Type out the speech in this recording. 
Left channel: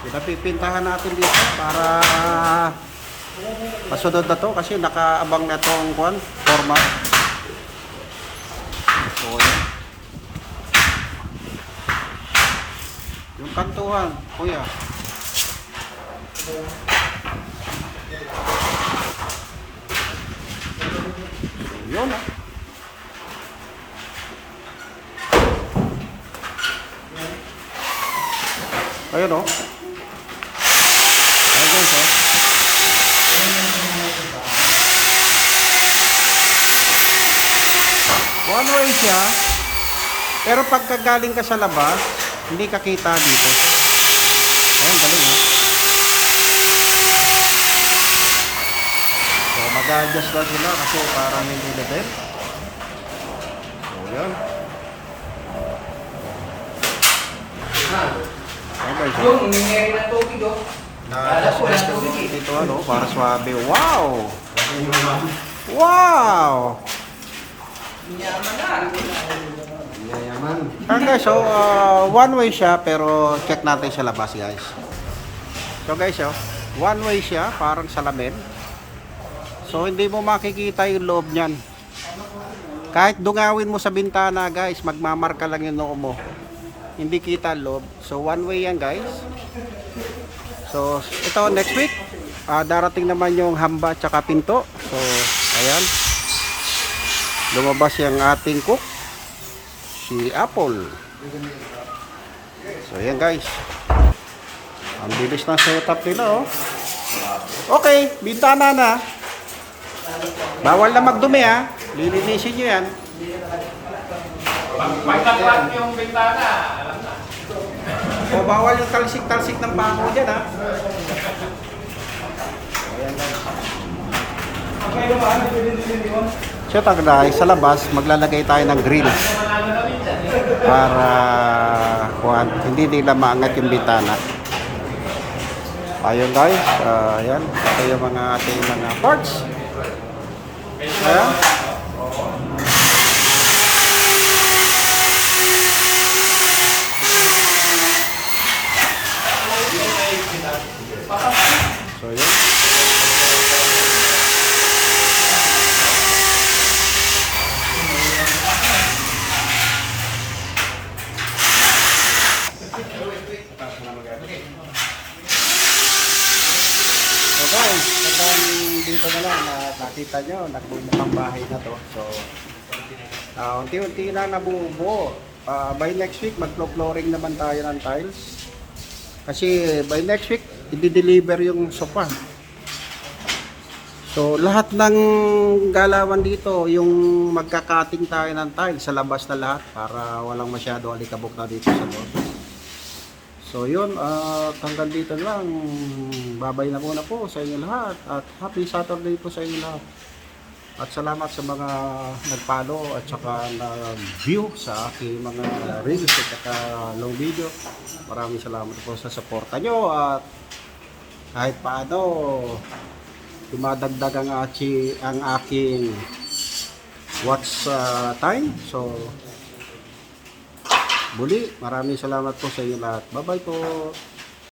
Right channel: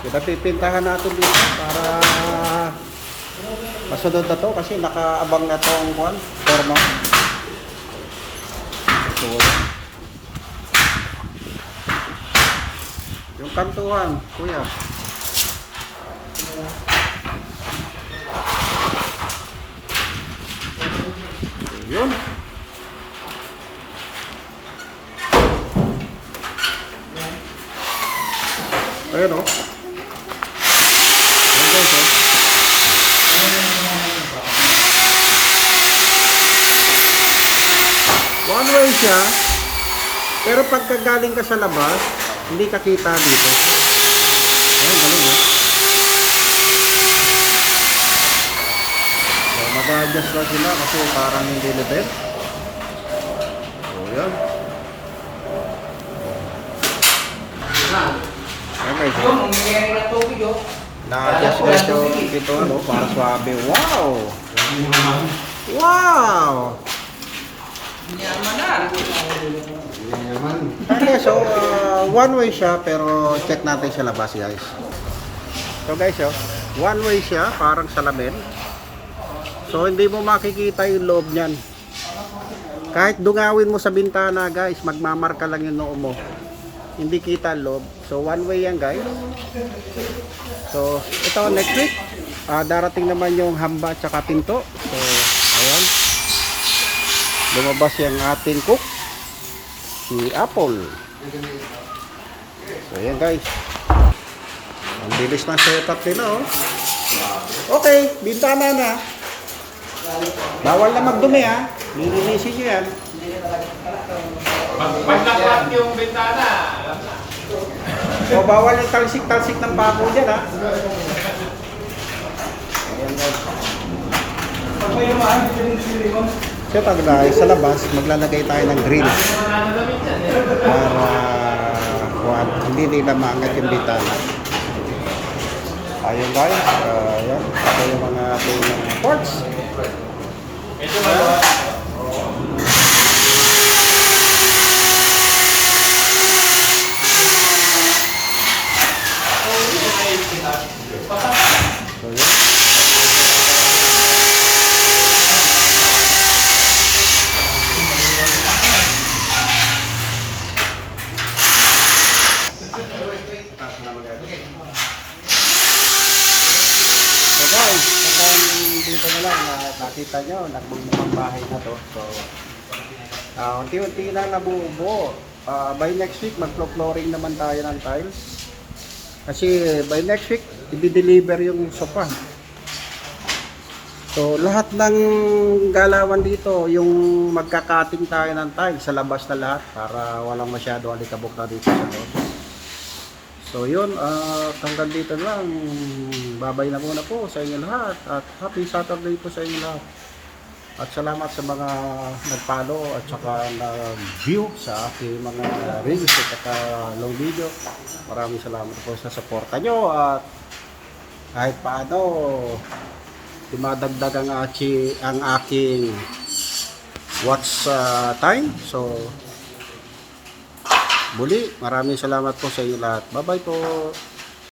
Pinapipintahan natin dito para masunod na to kasi nakaabang na tong kuan, forma. So, yan. Yung kantuhan, kuya. Yun. oh. Ayun oh. Guys oh. One way siya. Pero pagka galing ka sa labas, hindi ka kita dito. Ayan, galing oh. So mag-adjust lang sila kasi parang hindi level. So yan. Ayan guys oh. Oh, na tubig oh. Guys yung dito ano, para swabe. Wow! Wow! Yaman na. Ayan guys, so uh, one way siya pero check natin sa labas guys. So guys, oh, one way siya, parang salamin. So hindi mo makikita yung loob niyan. Kahit dungawin mo sa bintana guys, magmamarka lang yung noo mo. Hindi kita loob. So one way yan guys. So ito next week, ah, darating naman yung hamba at pinto. So ayan. Lumabas yung ating cook si Apple. So ayan guys. Ang bilis ng setup nila oh. Okay, bintana na. Bawal na magdumi ha. Lilinisin nyo yan. Pagkaklat yung bintana. O bawal yung talsik-talsik ng pako dyan ha. O ayan guys. So taglay sa labas, maglalagay tayo ng grills para kuwan, hindi nila maangat yung bitana. Ayun guys, ah, ayan. Ito yung mga ating mga parts. Ayan. So yun. So guys, kapag dito na lang na nakita nyo, nagbumukhang bahay na to. So, ah, unti-unti na nabubuo. Ah, by next week, mag-flooring naman tayo ng tiles. Kasi by next week, i-deliver yung sofa. So, lahat ng galawan dito, yung magkakating tayo ng tiles sa labas na lahat para walang masyado alikabok na dito sa loob. So yun, uh, hanggang dito lang. Babay na muna po sa inyo lahat. At happy Saturday po sa inyo lahat. At salamat sa mga nag-follow at saka nag-view sa aking mga reels at saka long video. Maraming salamat po sa suporta nyo at kahit paano dumadagdag ang, achi, ang aking watch uh, time. So Muli, maraming salamat po sa inyo lahat. Bye-bye po.